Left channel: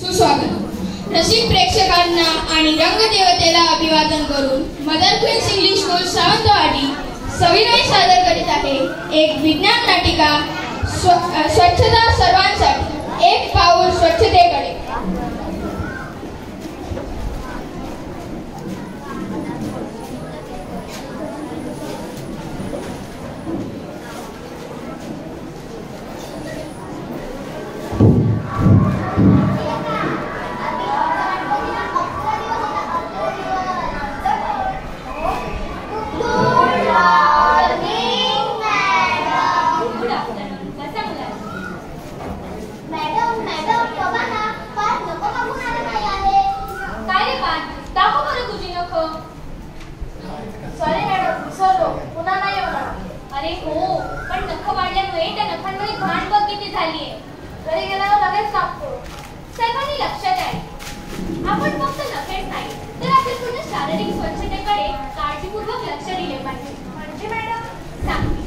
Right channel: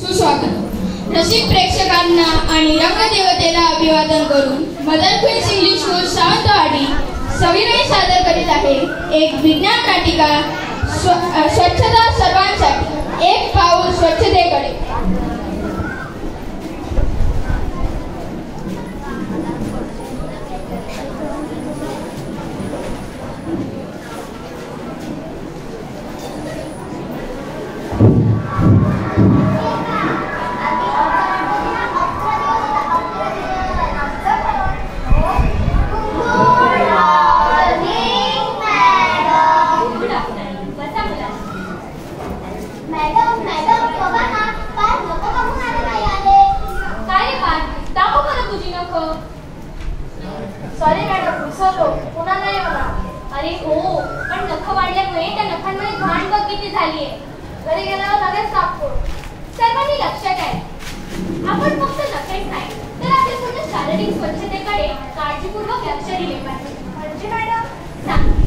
सुस्वागत. रसिक प्रेक्षकांना आणि रंगदेवतेला अभिवादन करून Mother Queen's English School Sawantwadi सविनय सादर करीत आहे एक विज्ञान नाटिका स्वच्छता सर्वांसाठी, एक पाऊल स्वच्छतेकडे. अरे हो, पण नख वाढल्यामुळे त्या नखांमध्ये घाण बघ किती झालीये. घरी गेल्यावर लगेच कापतो. सर्वांनी लक्षात आहे, आपण फक्त नखेच नाही तर आपल्या पूर्ण शारीरिक स्वच्छतेकडे काळजीपूर्वक लक्ष दिले पाहिजे. म्हणजे मॅडम सांगते.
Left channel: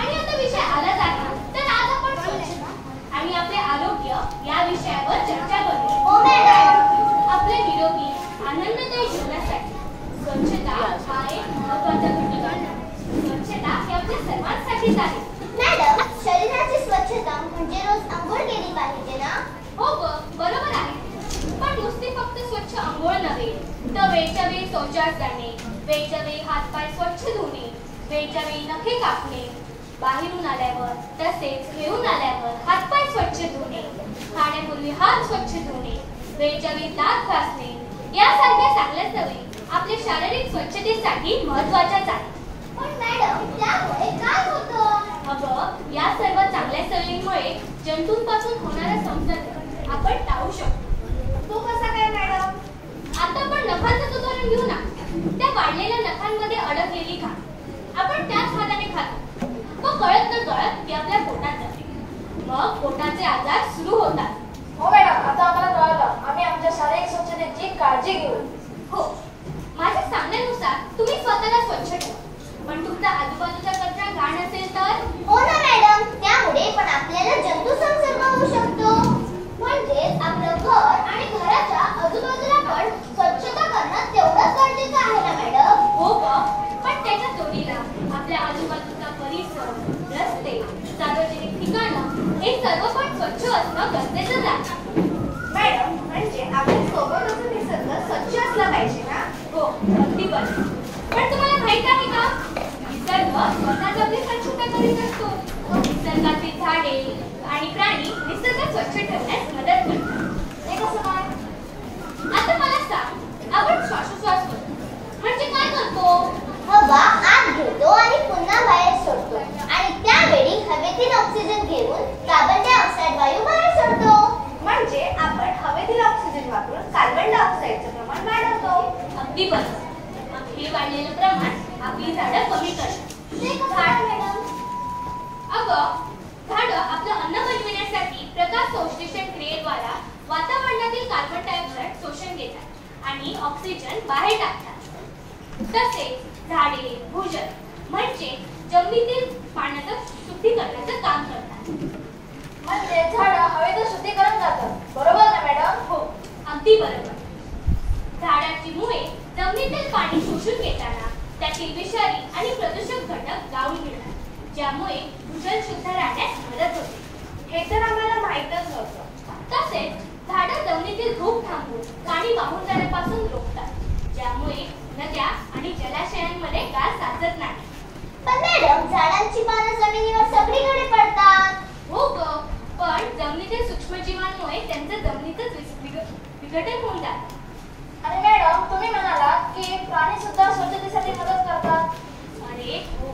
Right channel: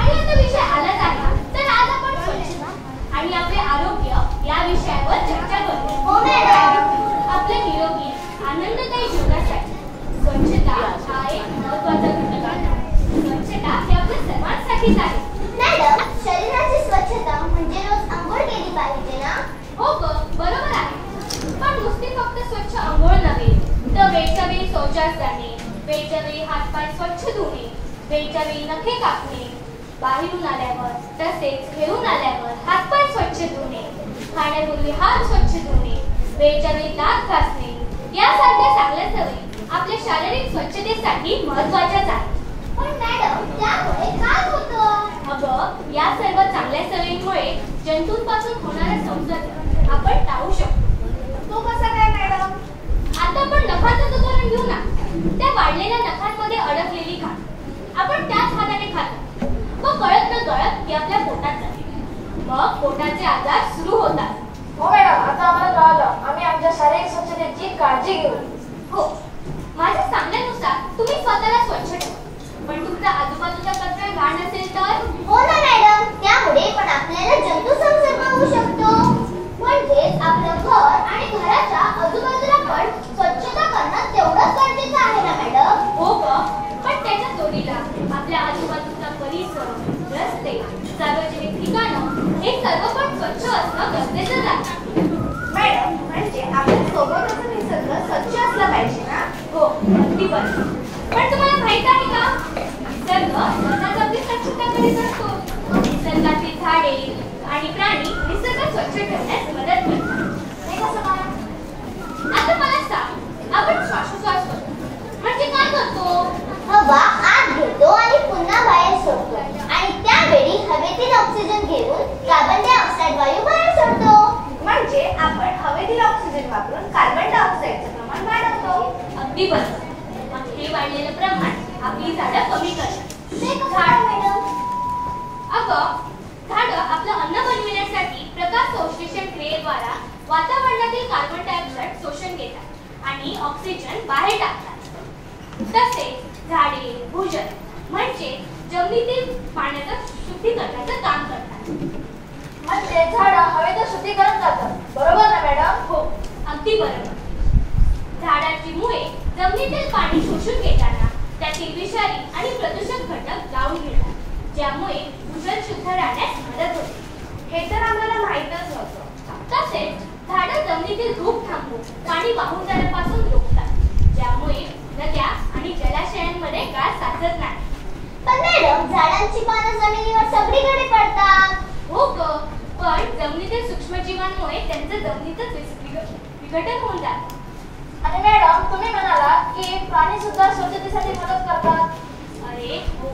आणि आता विषय आलाच आहे तर आज आपण स्वच्छता आणि आपले आरोग्य या विषयावर चर्चा करूया. हो मॅडम. आपल्या निरोगी आनंददायी जीवनासाठी स्वच्छता हा एक महत्त्वाचा घटक आहे. स्वच्छता ही आपल्या सर्वांसाठीच आहे. मॅडम, शरीराची स्वच्छता म्हणजे रोज आंघोळ केली पाहिजे ना? हो ग, बरोबर आहे. पण नुसते फक्त स्वच्छ आंघोळ नव्हे तर वेळच्या वेळी शौचास जाणे, वेळच्या वेळी हातपाय स्वच्छ धुणे, वेळच्या वेळी नखे कापणे, बाहेरून आल्यावर तसेच घेऊन आल्यावर हातपाय स्वच्छ धुणे, खाण्यापूर्वी हात स्वच्छ धुणे, वेळच्या वेळी दात घासणे यासारख्या चांगल्या सवयी आपल्या शारीरिक स्वच्छतेसाठी महत्त्वाच्याच आहेत. पण मॅडम, त्यामुळे काय होतं? अगं, या सर्व चांगल्या सवयींमुळे जंतूंपासून होणारा संसर्ग आपण टाळू शकतो. तो कसा काय मॅडम? आता आपण नखांचं उदाहरण घेऊ ना. त्या वाढलेल्या नखांमध्ये अडकलेली घाण आपण त्याच हाताने खातो व कळत न कळत ती आपल्या पोटात जाते. मग पोटाचे आजार सुरू होतात. हो मॅडम, आता आम्हाला कळलं. आम्ही आमच्या शारीरिक स्वच्छतेची काळजी घेऊ. हो, माझ्या सांगण्यानुसार तुम्ही स्वतःला स्वच्छ ठेवा. पण तुमचा आजूबाजूचा कचरा घाण असेल तर? हो ना मॅडम, त्यामुळे पण आपल्याला जंतू संसर्ग होऊ शकतो. म्हणजे आपलं घर आणि घराच्या आजूबाजूला पण स्वच्छता करणं तेवढंच गरजेचं आहे ना मॅडम? हो ग, पण त्याच्या जोडीला आपल्या आजूबाजूचा परिसर, रस्ते, सार्वजनिक ठिकाणं हे सर्व पण स्वच्छ असणं गरजेचं आहे. मॅडम, म्हणजे आपल्या सोबतचा निसर्ग स्वच्छ असला पाहिजे ना? हो, अगदी बरोबर. पण तुम्हाला माहित आहे का, निसर्ग स्वतःच आपली स्वच्छता करीत असतो. निसर्गातील झाडे आणि प्राणी निसर्ग स्वच्छ ठेवण्यास मदत करतात. ते कसं काय? आता मला सांग, आपण श्वासोश्वास करतो म्हणजे काय करतो? हवा आत घेतो आणि पुन्हा बाहेर सोडतो. आणि त्यावेळी हवेतील ऑक्सिजन घेऊन कार्बन डायऑक्साईड वायू बाहेर सोडतो. म्हणजे आपण हवेतील ऑक्सिजन वापरून कार्बन डायऑक्साईडचं प्रमाण वाढवतो. अगदी बरोबर. मग हे वाढलेलं प्रमाण आपली झाडं कमी करतात. ते कसं मॅडम? अगं, झाडं आपलं अन्न बनविण्यासाठी प्रकाश संश्लेषण क्रियेद्वारा वातावरणातील कार्बन डायऑक्साईड शोषून घेतात आणि ऑक्सिजन बाहेर टाकतात. तसेच झाडे भूजल म्हणजे जमिनीतील पाण्याचं शुद्धीकरणाचं काम करतात. म्हणजे झाडं हवेचं शुद्धीकरण करतात, बरोबर ना मॅडम? हो, अगदी बरोबर. झाडाची मुळे जमिनीतील पाणी शोषून घेताना त्यातील विषारी आणि प्रदूषक घटक जाळून घेतात, ज्यामुळे भूजल शुद्ध राहण्यास मदत होते. हे तर आम्हाला माहीतच नव्हतं. तसेच झाडं जमिनीतील धूप थांबवून पाणी वाहून जाण्यापासून रोखतात, ज्यामुळे नद्या आणि जलाशयांमध्ये गाळ साचत नाही. पण मॅडम, झाडांची पानं जमिनीवर सगळीकडे पडतात. हो ग, पण जमिनीतील सूक्ष्मजीवांमुळे त्यांचं जमिनीतच विघटन होऊन जातं. आणि मॅडम, तुम्ही म्हणाला की प्राणी सुद्धा स्वच्छतेसाठी मदत करतात. अरे हो,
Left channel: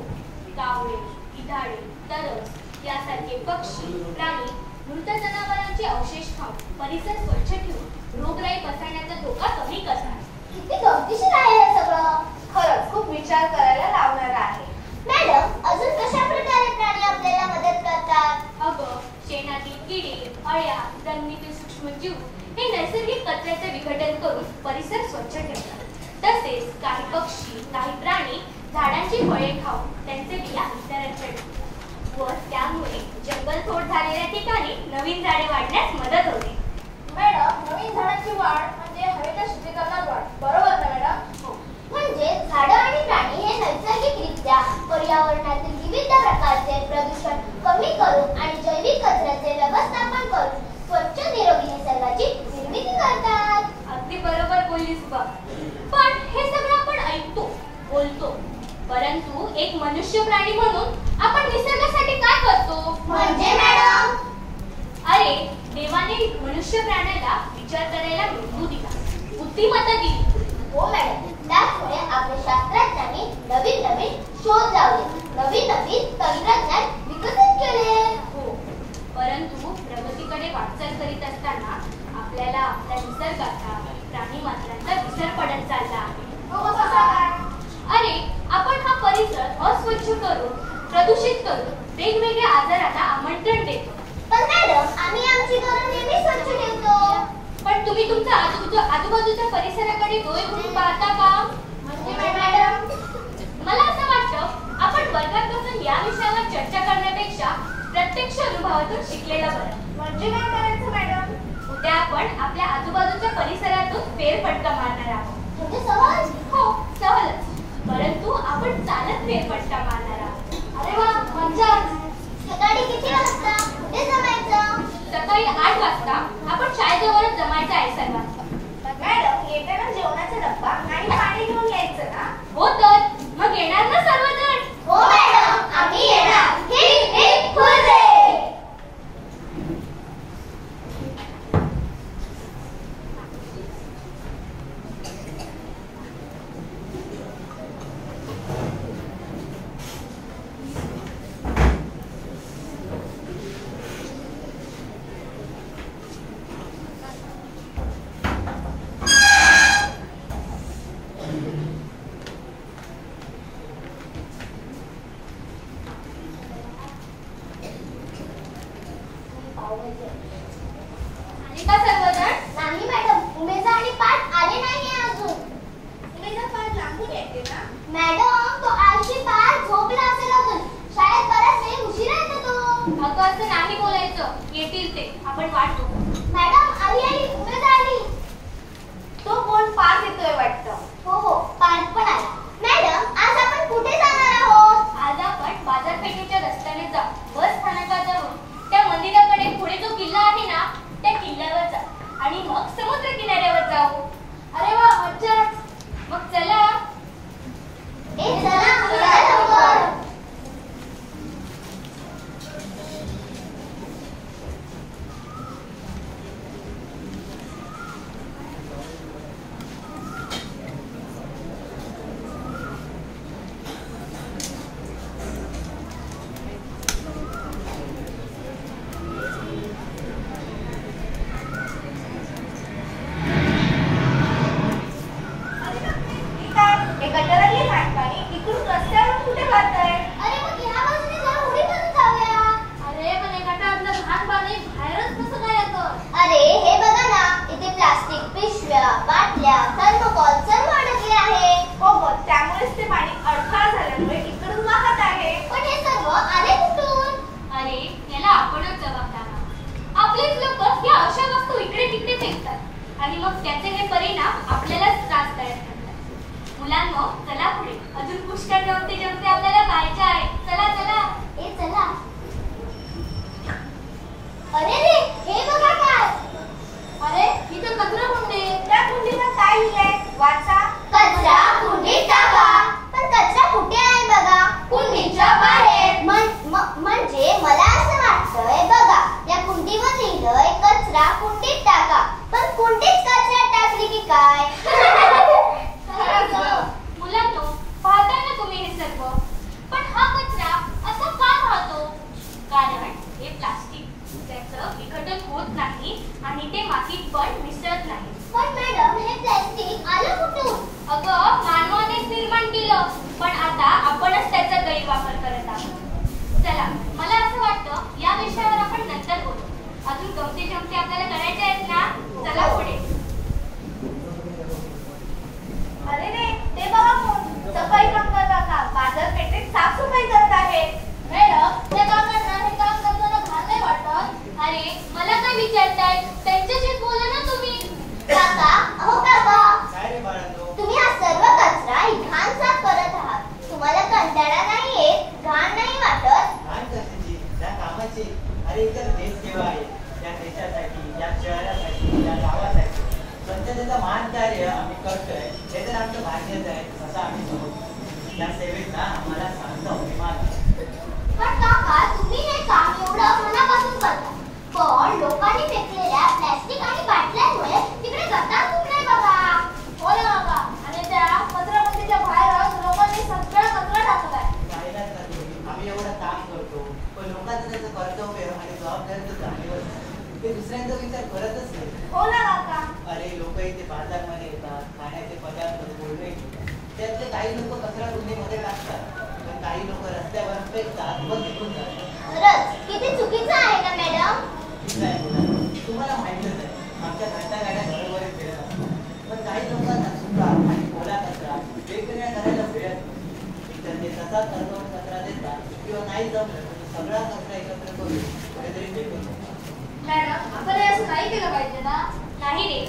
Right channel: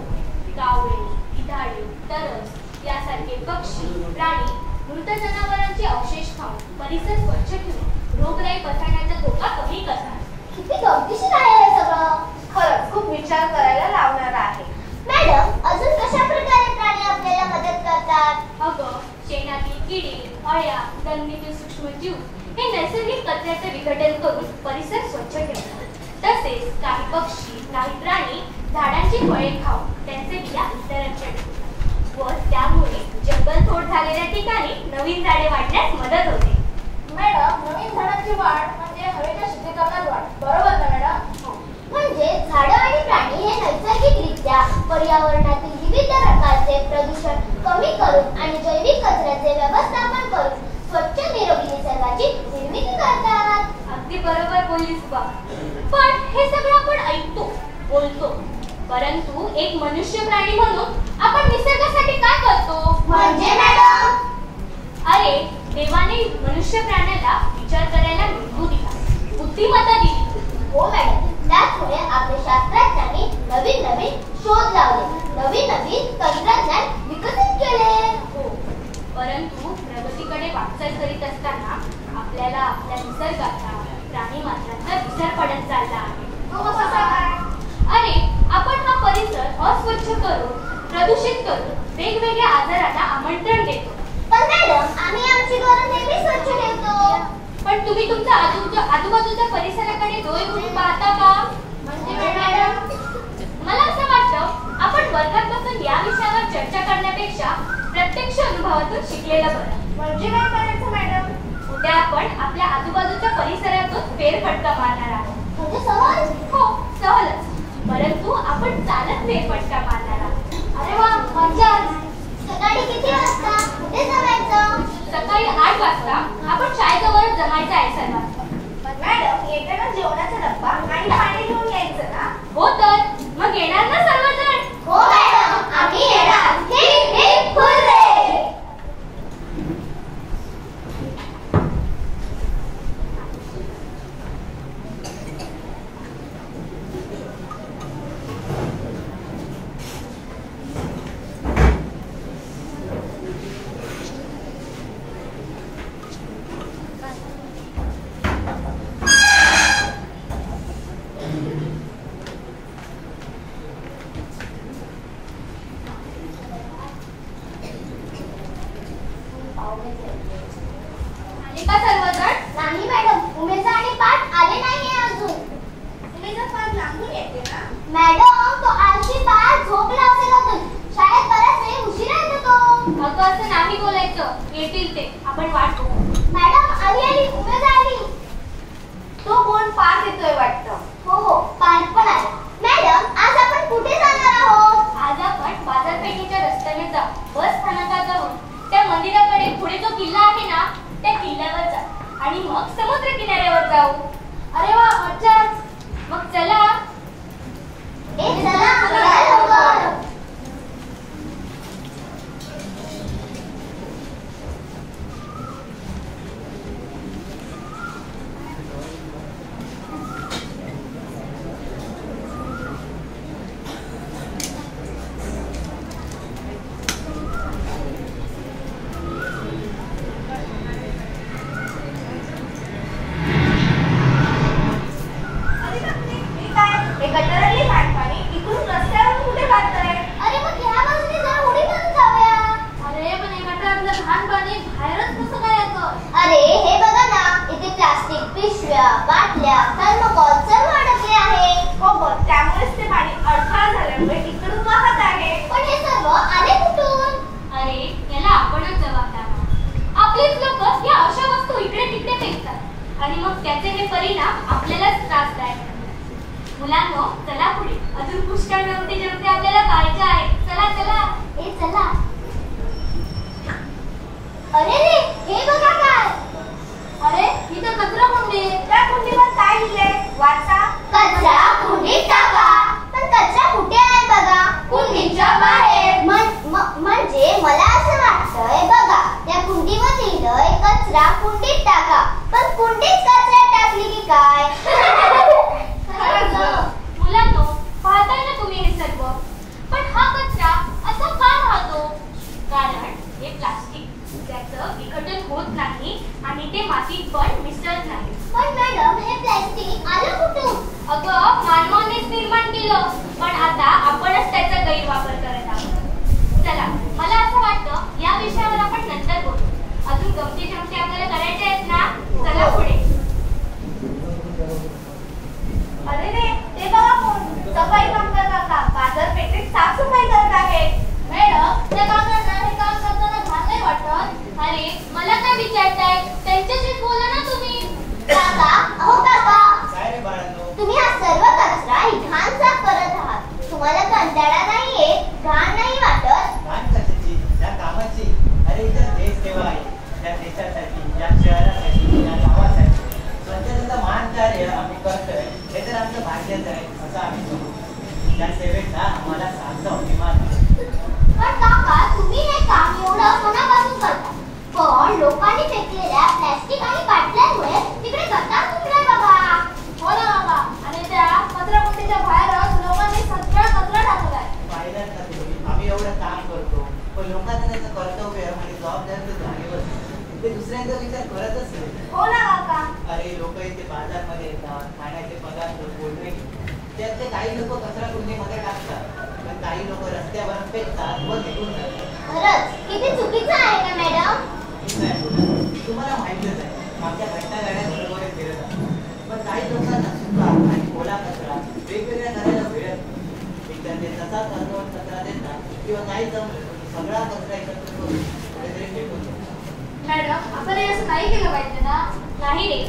कावळे, गिधाडे, तरस यासारखे पक्षी, प्राणी मृत जनावरांचे अवशेष खाऊन परिसर स्वच्छ ठेवून रोगराई पसरण्याचा धोका कमी करतात. किती गमतीशीर आहे हे सगळं. खरंच खूप विचार करायला लावणार आहे. मॅडम, अजून कशा प्रकारे प्राणी आपल्याला मदत करतात? अगं, शेणातील किडे, अळ्या, जमिनीतील सूक्ष्मजीव हे नैसर्गिक कचऱ्याचे विघटन करून परिसर स्वच्छ ठेवतात. तसेच काही पक्षी, काही प्राणी झाडांची फळे खाऊन त्यांचे बिया इतरांकडे देतात व त्यामुळे जंगलतोड झालेल्या ठिकाणी नवीन झाडे वाढण्यास मदत होते. मॅडम, पर्यावरणातील विविध प्रकारचे प्रदूषण कमी करून आणि जैविक कचऱ्याचे व्यवस्थापन करून स्वच्छ निरोगी निसर्गाची निर्मिती करतात. अगदी बरोबर बोललीस बा. पण हे सगळं आपण ऐकतो, बोलतो, परंतु एक मनुष्य प्राणी म्हणून आपण निसर्गासाठी काय करतो? म्हणजे मॅडम, अरे देवाने मनुष्य प्राण्याला विचार करायला मेंदू दिला, बुद्धिमत्ता दिली. हो मॅडम, त्याचमुळे आपल्या शास्त्रज्ञांनी नवीन नवीन शोध लावले, नवीन नवीन तंत्रज्ञान विकसित केले. हो, परंतु प्रगतीकडे वाटचाल करीत असताना आपल्याला आपल्या निसर्गाचा, प्राणी मात्रांचा विसर पडत चालला आहे. तो कसा काय? अरे आपण हा परिसर अस्वच्छ करून, प्रदूषित करून वेगवेगळ्या आजारांना आमंत्रण देतो. पण मॅडम, आम्ही आमची घरं नेहमी स्वच्छ ठेवतो. पण तुम्ही तुमच्या आजूबाजूच्या परिसराकडे डोळे उघडून पाहता का? म्हणजे मॅडम, मला असं वाटतं आपण वर्गात बसून या विषयावर चर्चा करण्यापेक्षा प्रत्यक्ष अनुभवातून शिकलेलं बरं. म्हणजे काय करायचं मॅडम? उद्या आपण आपल्या आजूबाजूच्या परिसरातून फेरफटका मारणार आहोत. म्हणजे सहज? हो, सहलच. परंतु आपण चालत फेरफटका मारणार आहोत. अरे वा, मजाच. सकाळी किती वाजता? कुठे जमायचं? सकाळी 8 वाजता आपण शाळेजवळच जमायचं आहे सर्वांना. मॅडम, येताना जेवणाचा डब्बा आणि पाणी घेऊन यायचं ना? हो तर मग येणार ना सर्वजण? हो मॅडम, आम्ही येणार. Heap heap hurray. आले का सर्वजण? नाही मॅडम, उमेजा आणि पाठ आले नाहीये अजून. उमेजा पाठ लांबून येते ना? मॅडम, तो आळशी पाठ झोपला असेल अजून. शाळेत बराच वेळ उशिरा येतो तो. अगं असं नाही बोलायचं. येतील ते, आपण वाट बघू. मॅडम, आली उमेजा आली. तो कोण पाठ येतोय वाटतं. हो हो, पाठ पण आला. मॅडम, आज आपण कुठे जाणार आहोत? आज आपण बाजारपेठेच्या रस्त्याने जाऊ. बस स्थानकाजवळ त्या मंदिराकडे पुढे जो किल्ला आहे ना, त्या किल्ल्यावर जाऊ आणि मग समुद्र किनाऱ्यावर जाऊ. अरे वा, मज्जाच. मग चला. चला लवकर. आणि मग त्याचे हे परिणाम आपल्यालाच त्रासदायक ठरतात. मुलांनो, चला पुढे. अजून पुष्कळ जेवते जेवते आपल्याला पाहायचे आहे. चला चला. ए चला. अरे रे, हे बघा काय. अरे ही तर कचरा कुंडी. त्या कुंडीवर काय लिहिलंय? वाचा. कचरा कुंडीत टाका. पण कचरा कुठे आहे बघा? कुंडीच्या बाहेर. म्हणजे मला असं वाटतंय बघा, त्या कुंडीवर लिहिलंय कचरा कुंडीत टाका. पण कुंडीत कचरा टाकली की काय? मुलांनो, पाहताय ना तुम्ही हे सर्व. पण हा कचरा असा का राहतो? कारण हे प्लास्टिक, त्याचं विघटन होत नाही आणि ते मातीत पण मिसळत नाही. पण मॅडम, हे प्लास्टिक आलं कुठून? अगं, मानवानेच निर्माण केलं, पण आता आपणच त्याचा गैरवापर करत आहोत. चला, मला असं वाटतं या विषयावर आपण नंतर बोलू. अजून गमती जमती आपल्याला करायचे आहेत ना? चला पुढे. अरे रे, ते बघा कोण. सफाई कामगार का बाजारपेठेत साफसफाई करत आहेत. मॅडम, त्या कामगारांना हे काम करताना घाण नाही वाटत? अरे मला काय विचारताय? त्यांच्याशीच बोला ना तुम्ही. काका, अहो काका, तुम्ही हा सर्व कचरा आणि घाण साफ करत आहात. तुम्हाला कंटाळा नाही येत? बाजारमध्ये येतात, खाण्याचे पदार्थ, कोल्ड्रिंक, त्यातले काही लोक कचरा कुंडीमध्ये टाकतात, पण काही लोक रस्त्यावर फेकतात व निघून जातात. खरंच किती चुकीचं आहे का मॅडम? तुम्हाला माहितीच आहे, आमच्या घटना गाड्या बरोबरच फिरत असतात, पण काही लोकांना सुका आणि ओला कचरा वेगवेगळ्या करायला मिळत नाही. एकतर ते तसाच अर्धवट कचरा देतात किंवा नाही जमलं सगळा कचरा एकत्र करून कुठेतरी फेकून देतात. मॅडम आपण हे असं नाही केलं पाहिजे ना. नाही रे.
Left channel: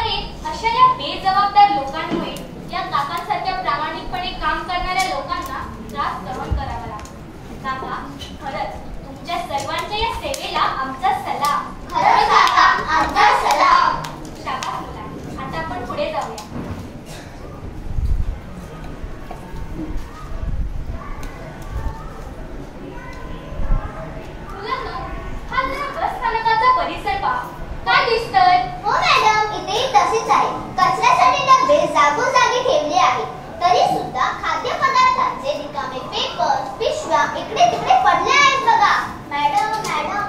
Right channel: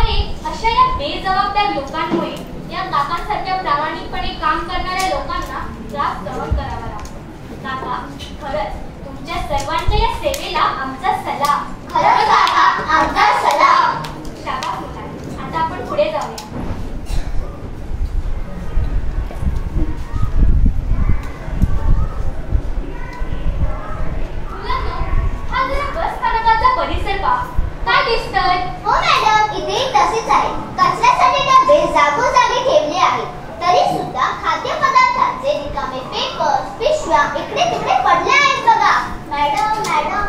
अरे अशा या बेजबाबदार लोकांमुळे या काकांसारख्या प्रामाणिकपणे काम करणाऱ्या लोकांना त्रास सहन करावा लागतो. काका, खरंच तुमच्या सर्वांच्या या सेवेला आमचा सलाम. खरंच काका, आमचा सलाम. शाबास मुला. आता आपण पुढे जाऊया. मुलांनो, हा जरा बस स्थानकाचा परिसर पहा. काय दिसतंय? हो मॅडम, इथे तसेच आहे. कचऱ्यासाठी डबे जागोजागी ठेवले आहेत. तरी सुद्धा खाद्यपदार्थांचे रिकामे पेपर्स, पिशव्या इकडे तिकडे पडले आहेत बघा. मॅडम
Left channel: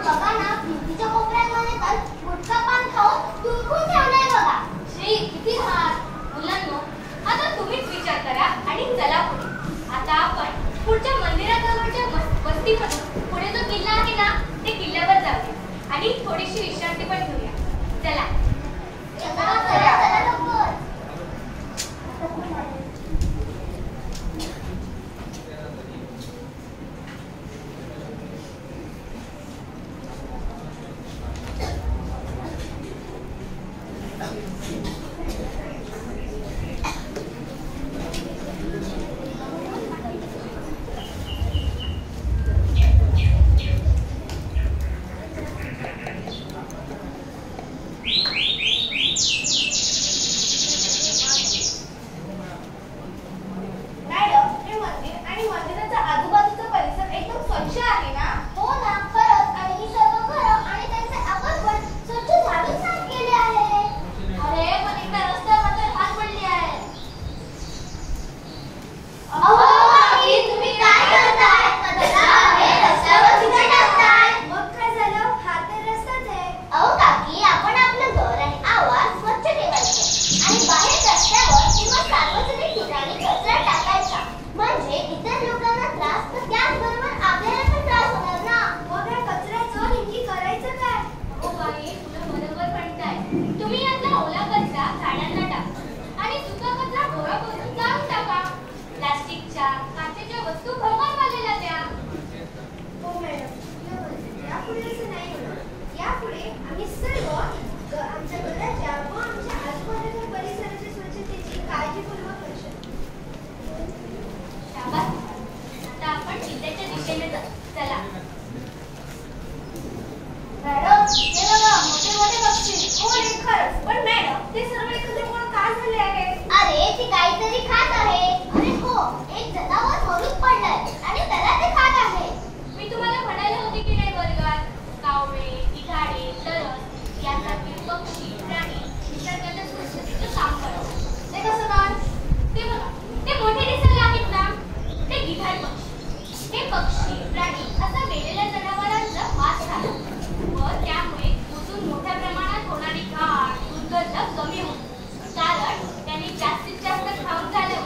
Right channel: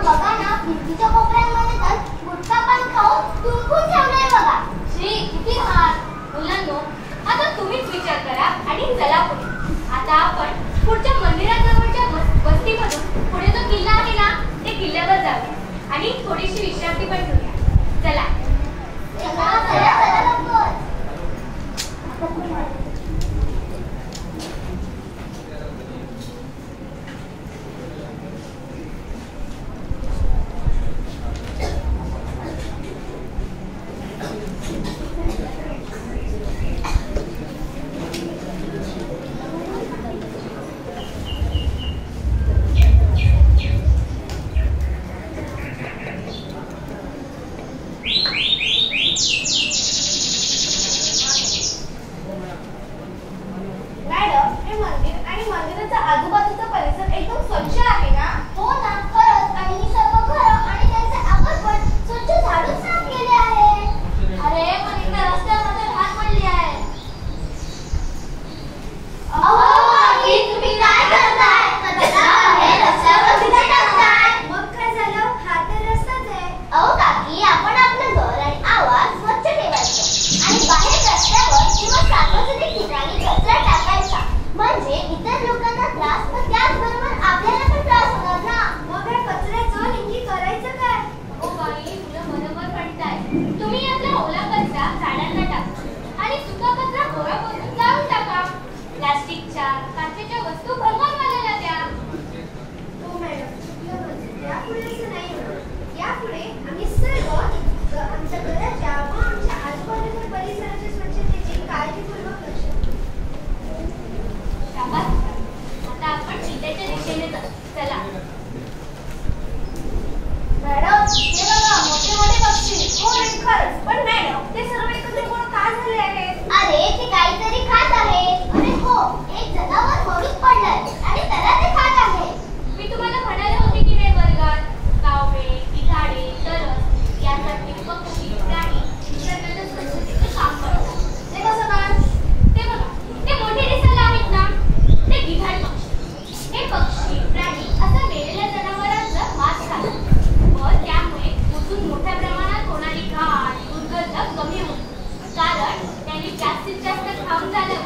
बघा ना, भिंतीच्या कोपऱ्यांमध्ये तर गुटखा पान खाऊन तुंबून ठेवलंय बघा. श्री, किती घाण. मुलांनो, आता तुम्हीच विचार करा आणि चला पुढे. आता आपण पुढच्या मंदिराजवळच्या वस्तीमधून पुढे जो किल्ला आहे ना, ते किल्ल्यावर जाऊया आणि थोडीशी विश्रांती पण घेऊया. चला. चला लवकर. कारण त्यांनी जास्तीत जास्त खाऊन झाल्यावर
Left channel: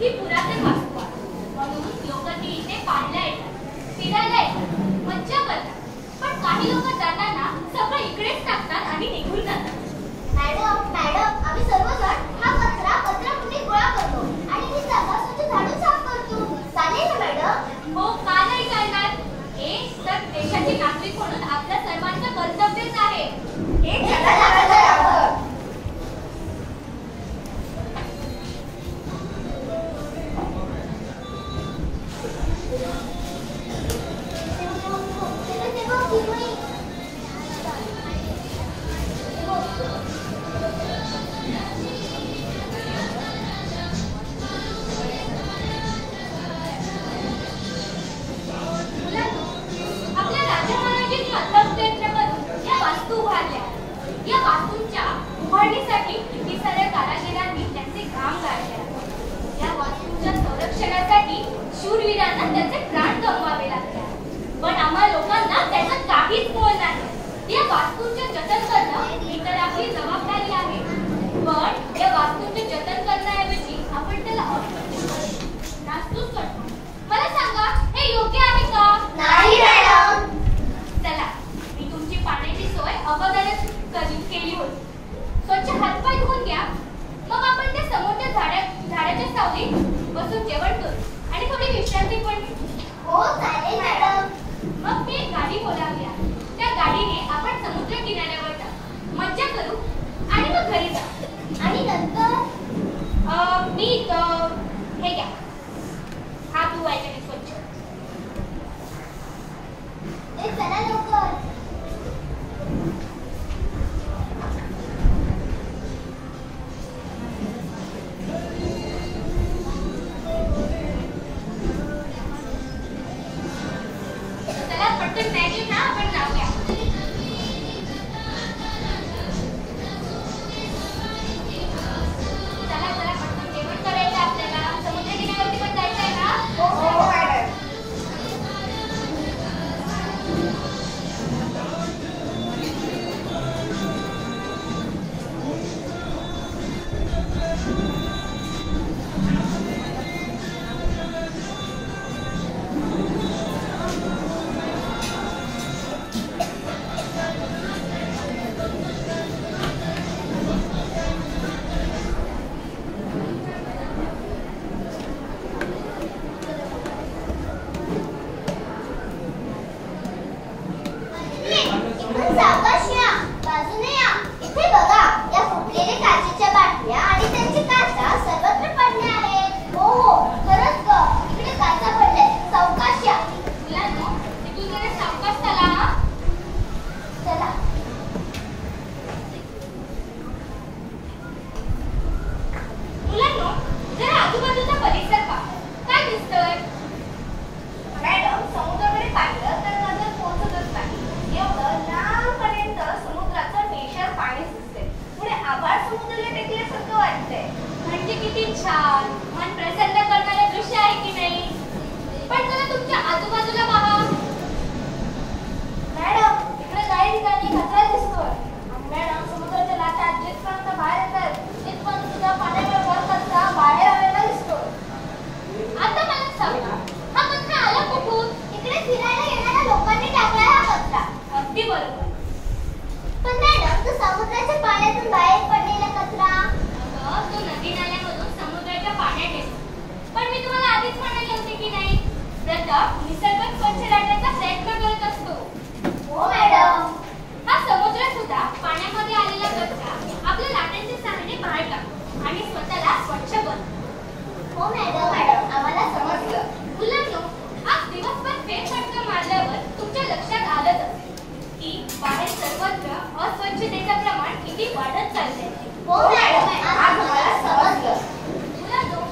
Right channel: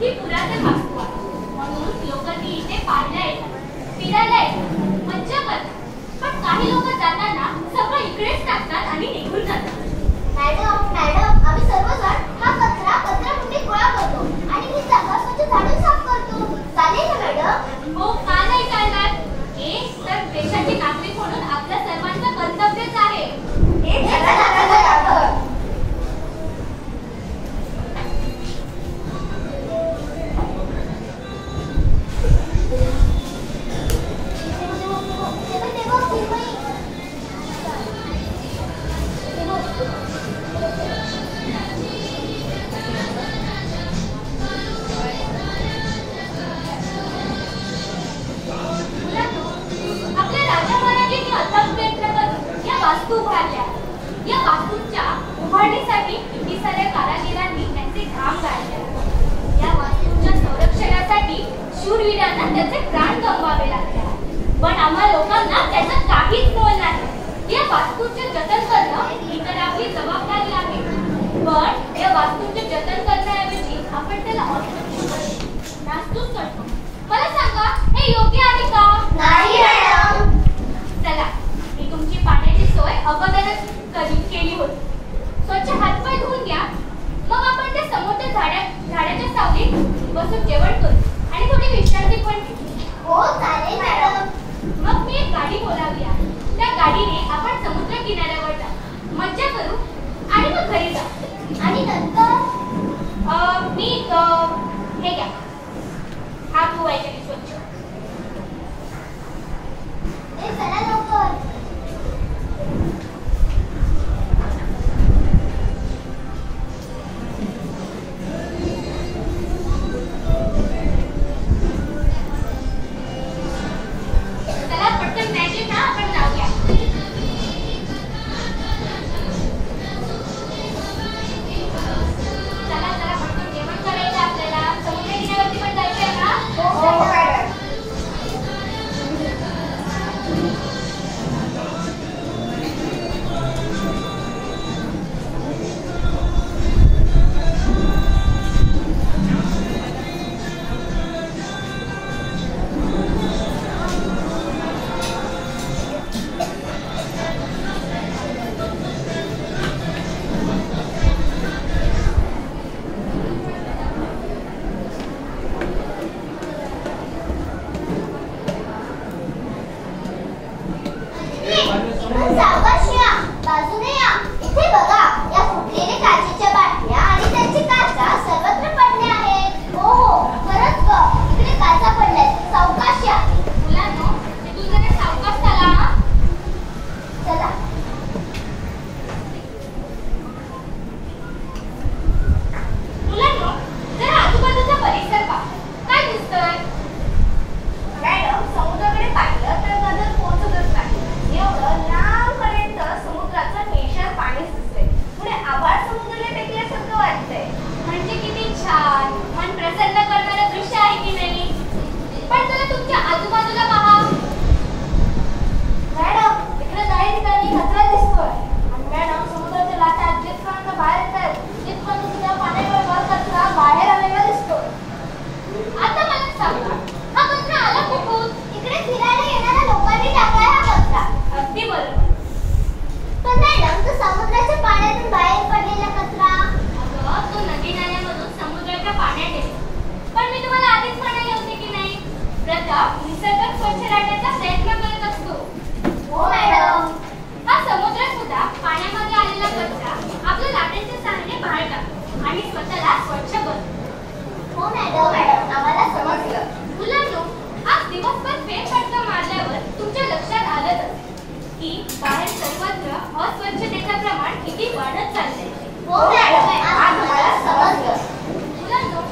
ही पुरातन वास्तू आहे. म्हणून लोक ती इथे पाहायला येतात, फिरायला येतात, मज्जा करतात. पण काही लोक जाताना सगळं इकडेच टाकतात आणि निघून जातात. मॅडम आम्ही सर्वजण हा कचराकुंडी गोळा करतो आणि ही जागा स्वच्छ झाडून साफ करतो. चालेल ना मॅडम? हो, का नाही चालणार? हे तर देशाची नागरिक म्हणून आपल्या सर्वांचं कर्तव्यच आहे. हे चला. आपल्या राजा महाराजांनी अथक प्रयत्न करून या वास्तू उभारल्या. या वास्तूंच्या उभारणीसाठी किती साऱ्या कारागिरांनी त्यांचे घाम गाळले. या वास्तूंच्या संरक्षणासाठी शूरवीरांना त्याचे प्राण गमवावे लागले. पण आम्हा लोकांना त्याचं काहीच मोल नाही. या वास्तूंचे जतन करणं ही तर आपली जबाबदारी आहे. पण या वास्तूंचे जतन करण्याऐवजी आपण त्याला नास्तूच करतो. मला सांगा, हे योग्य आहे का? नाही मॅडम. चला, मी तुमची पाण्याची सोय अगोदरच केली होती. स्वच्छ हातपाय धुवून घ्या. मग आपण त्या समोरच्या झाडाच्या सावलीत बसून जेवण करू आणि थोडी विश्रांती पण घेऊ. हो चालेल मॅडम. मग मी एक गाडी बोलावली आहे. त्या गाडीने आपण समुद्र किनाऱ्यावर जाऊ, मज्जा करू आणि मग घरी जाऊ. आणि नंतर मी हे घ्या, हात धुवायचे स्वच्छ. चला लवकर. चला पटकन जायचे ना, आपण जाऊया. चला पटकन जेवण करायचं आपल्याला. समुद्र किनाऱ्यावरती पण जायचं आहे का? हो मॅडम. सावकाश या, बाजूने या. इथे बघा, या फुटलेल्या काचेच्या बाटल्या आणि त्यांची काचा सर्वत्र पडल्या आहेत. हो खरंच ग, इकडे काचा पडल्यात. सावकाश या. मुलांनो, तू जरा सावकाश चला हा. चला. मुलांनो, जरा आजूबाजूचा परिसर पहा. काय दिसतोय? मॅडम, समुद्राकडे पाहिलं तर नजर पोहोचतच नाही. एवढं लांबपर्यंत समुद्राचं ठेशार पाणीच दिसते. पुढे आभाळ समुद्राला टेकल्यासारखं वाटतंय. म्हणजे किती छान, मन प्रसन्न करणारं दृश्य आहे की नाही? पण जरा तुमच्या आजूबाजूला पहा. मॅडम, इकडे काही ठिकाणी कचरा दिसतोय. आणि मॅडम, समुद्राच्या लाटा जिथपर्यंत बाहेर येतात तिथपर्यंत सुद्धा पाण्याबरोबर कचरा बाहेर आलेला दिसतोय. आता मला सांगा, हा कचरा आला कुठून? इकडे फिरायला येणाऱ्या लोकांनी टाकला हा कचरा. अगदी बरोबर. पण मॅडम, तो समुद्राच्या पाण्यातून बाहेर पडलेला कचरा. अगं, तो नदी नाल्यामधून समुद्राच्या पाण्यात येतो. पण मी तुम्हाला आधीच म्हणाले होते की नाही, प्रथम निसर्ग स्वच्छ राहण्याचा प्रयत्न करत असतो. हो मॅडम. हा समुद्र सुद्धा पाण्यामध्ये आलेला कचरा आपल्या लाटांच्या सहाय्याने बाहेर टाकतो आणि स्वतःला स्वच्छ बनवतो. हो मॅडम, आम्हाला समजलं. मुलांनो, आज दिवसभर फेरफटका मारल्यावर तुमच्या लक्षात आलंच असेल की बाहेर सर्वत्र अस्वच्छतेचं प्रमाण किती वाढत चाललंय. हो मॅडम, आज मला समजलं. मुलांनो,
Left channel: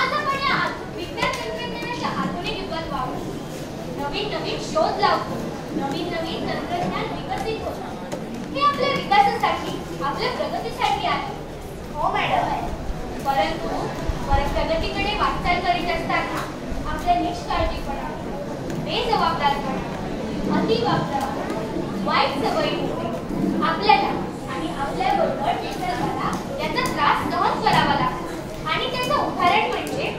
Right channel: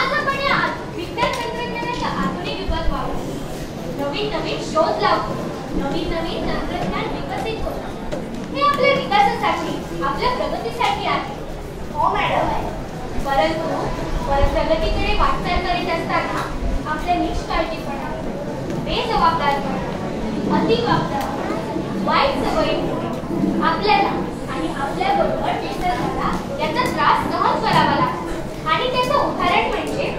आज आपण या विज्ञान तंत्रज्ञानाच्या आधुनिक युगात वावरतो. नवीन नवीन शोध लावतो, नवीन नवीन तंत्रज्ञान विकसित होतो. हे आपल्या विकासासाठी, आपल्या प्रगतीसाठी आहे. हो मॅडम. परंतु प्रगतीकडे वाटचाल करीत असताना आपल्या निष्काळजीपणा, बेजबाबदारपणा, अतिवापर, वाईट सवयीमुळे आपल्याला आणि आपल्याबरोबर निसर्गाला याचा त्रास सहन करावा लागतो. आणि त्याचं उदाहरण म्हणजे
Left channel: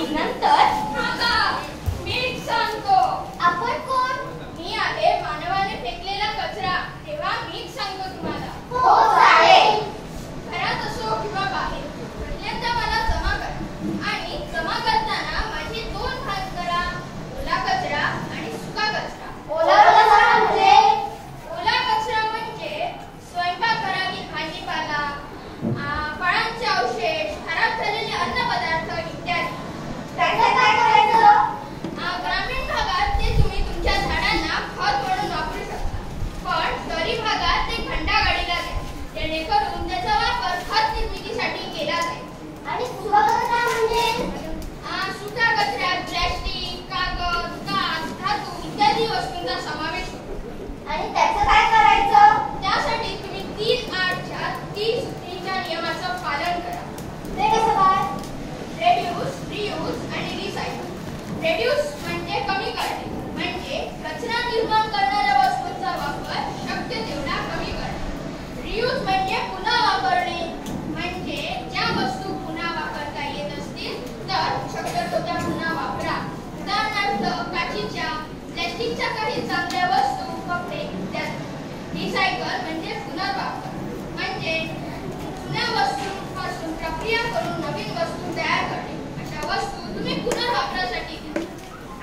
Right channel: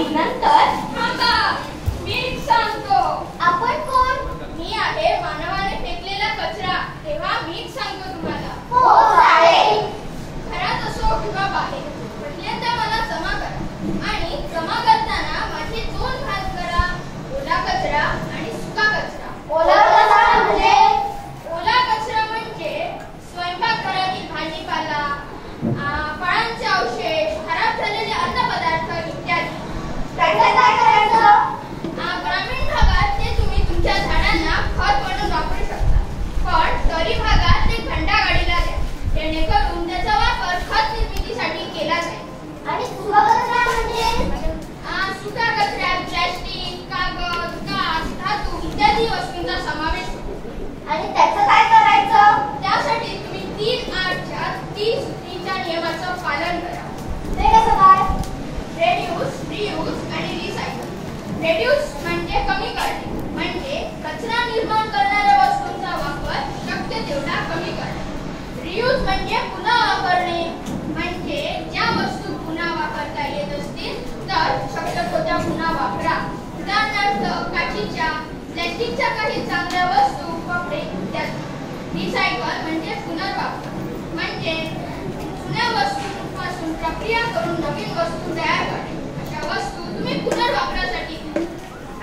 आणि नंतर थांबा, मीच सांगतो. आपण कोण? मी आहे मानवाने फेकलेला कचरा. तेव्हा मीच सांगतो तुम्हाला. हो चालेल. घरात असो किंवा बाहेर, पहिल्यांदा मला जमा करा आणि जमा करताना माझे 2 भाग करा, ओला कचरा आणि सुका कचरा. ओला कचरा म्हणजे? ओला कचरा म्हणजे स्वयंपाकघरातील भाजीपाला, फळांचे अवशेष, खराब झालेले अन्नपदार्थ इत्यादी. त्याचं काय करायचं? ग्रामीण भागात ते तुम्ही तुमच्या झाडांना खत म्हणून वापरू शकता, पण शहरी भागात ते घंटागाडीला द्या, जेणेकरून त्याचा वापर खत निर्मितीसाठी केला जाईल. आणि सुका कचरा म्हणजे? सुका कचऱ्यात प्लॅस्टिक, कागद, काच, धातू इत्यादी वस्तूंचा समावेश होतो. आणि त्याचं काय करायचं? त्यासाठी तुम्ही 3R च्या 30 सूत्रीच्या नियमाचं पालन करा. ते कसं काय? रेड्यूस, रियूज आणि रिसायकल. रेड्यूस म्हणजे कमी करणे, म्हणजे कचरा निर्माण करणाऱ्या वस्तूंचा वापर शक्य तेवढा कमी करणे. रियूज म्हणजे पुन्हा वापरणे, म्हणजे ज्या वस्तू पुन्हा वापरता येत असतील तर शक्यतो त्या पुन्हा वापरा. उदाहरणार्थ काचीच्या, प्लॅस्टिकच्या काही चांगल्या वस्तू, कपडे इत्यादी. रिसायकल म्हणजे पुनर्वापर, म्हणजे जुन्या वस्तूंपासून प्रक्रिया करून नवीन वस्तू तयार करणे. अशा वस्तू तुम्ही पुनर्वापरासाठी घ्या.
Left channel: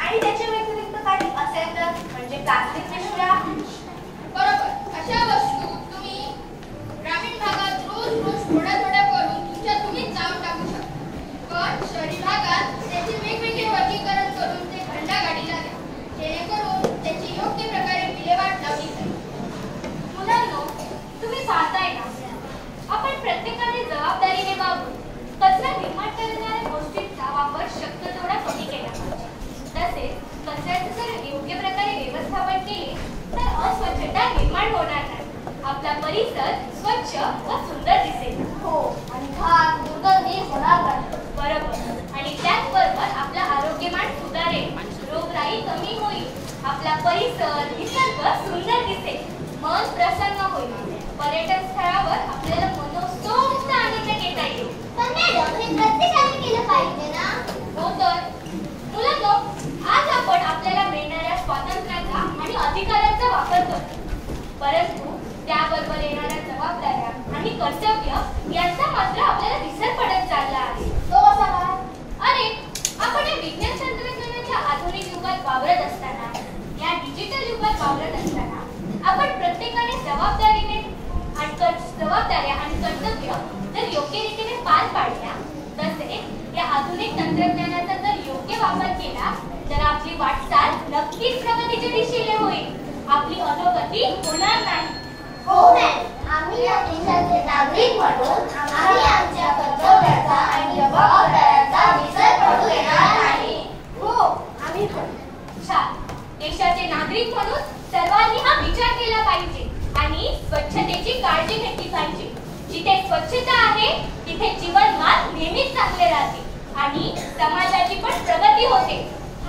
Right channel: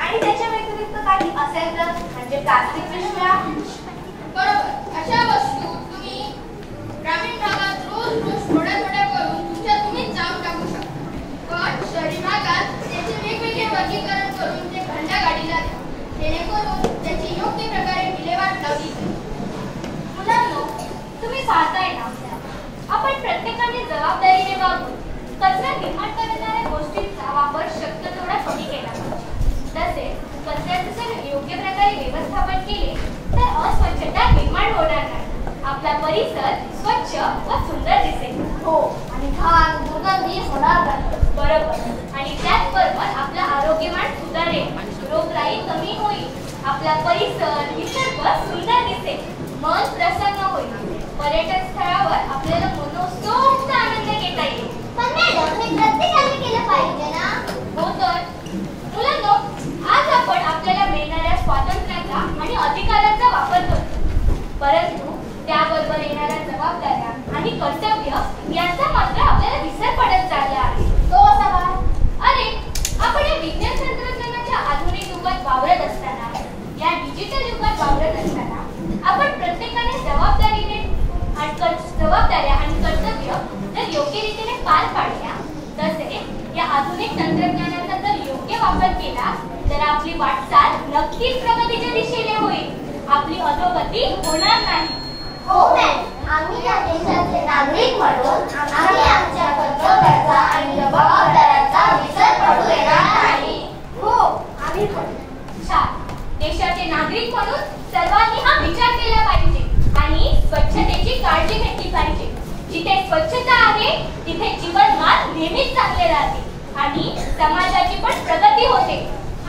आणि त्याच्या व्यतिरिक्त काही असेल तर, म्हणजे प्लास्टिक पिशव्या? बरोबर, अशा वस्तू तुम्ही ग्रामीण भागात रोज थोड्या थोड्या करून तुम्हीच जाऊन टाकू शकता, पण शहरी भागात त्याचे वेगवेगळे वर्गीकरण करून ते घंटागाडीला द्या, जेणेकरून त्याची योग्य प्रकारे विल्हेवाट लावली जाईल. मुलांनो, तुम्ही पाहताय ना, आपण प्रत्येकाने जबाबदारीने वागून कचरा निर्माण करणाऱ्या गोष्टींचा वापर शक्य तेवढा कमी केला पाहिजे. तसेच कचऱ्याचे जर योग्य प्रकारे व्यवस्थापन केले तर अस्वच्छता निर्माण होणार नाही. आपला परिसर स्वच्छ व सुंदर दिसेल. हो, आणि घाण दुर्गंधी होणार नाही. बरोबर. आणि त्याचबरोबर आपलं आरोग्यमान सुधारेल, रोगराई कमी होईल, आपला परिसर निसर्ग सुंदर दिसेल, मन प्रसन्न होईल. पर्यटन स्थळावर आपल्याला मनोस्तोक्त आनंद घेता येईल. पण मॅडम, हे प्रत्येकाने केलं पाहिजे ना? हो तर. मुलांनो, आज आपण आपल्याला मिळणाऱ्या स्वातंत्र्याचा आणि अधिकारांचा वापर करतो, परंतु त्याबरोबर येणाऱ्या जबाबदाऱ्या आणि कर्तव्य यांचा मात्र आपल्याला विसर पडत चालला आहे. तो असा का? अरे, आपण या विज्ञान तंत्रज्ञानाच्या आधुनिक युगात वावरत असताना, या डिजिटल युगात वावरत असताना आपण प्रत्येकाने जबाबदाऱ्या आणि कर्तव्य जर योग्य रीतीने पार पाडल्या, तसेच या आधुनिक तंत्रज्ञानाचा जर योग्य वापर केला तर आपली वाटचाल नक्कीच प्रगतीच्या दिशेने होईल. आपली अधोगती होणार नाही. हो मॅडम, आम्ही या देशाचे नागरिक म्हणून आम्ही आमच्या कर्तव्याचा आणि जबाबदाऱ्यांचा विसर पडू देणार नाही. हो, आम्ही छान. देशाचे नागरिक म्हणून सर्वांनी हा विचार केला पाहिजे आणि स्वच्छतेची काळजी घेतली पाहिजे. जिथे स्वच्छता आहे तिथे जीवनमान नेहमीच चांगले राहते आणि समाजाची पण प्रगती होते.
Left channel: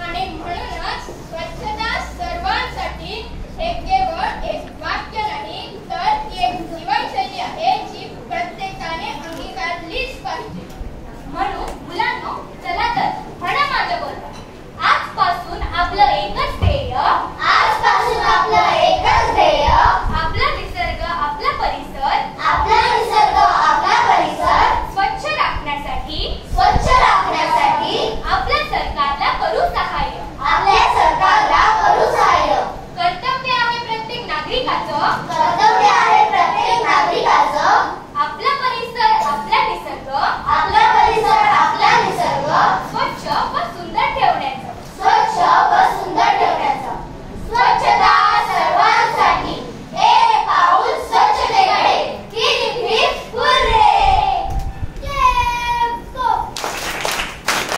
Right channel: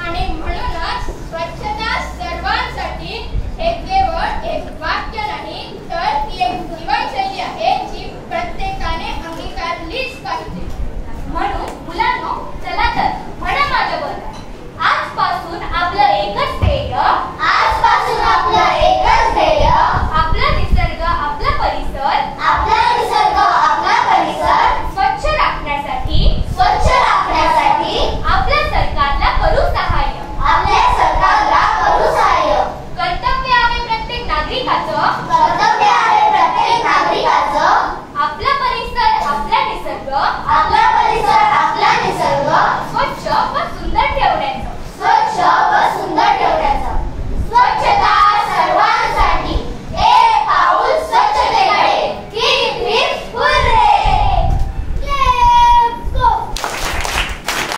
आणि म्हणूनच स्वच्छता सर्वांसाठी हे केवळ एक वाक्य नाही, तर ती एक जीवनशैली आहे जी प्रत्येकाने अंगीकारलीच पाहिजे. म्हणून मुलांनो, चला तर म्हणा माझ्याबरोबर, आजपासून आपलं एकच ध्येय, आजपासून आपलं एकच ध्येय, आपला निसर्ग, आपला परिसर, आपला निसर्ग, आपला परिसर स्वच्छ राखण्यासाठी स्वच्छ राखण्यासाठी आपल्या सरकारला करू सहाय्य. आपल्या सरकारला करू सहाय्य. कर्तव्य आहे प्रत्येक नागरिकाचं, कर्तव्य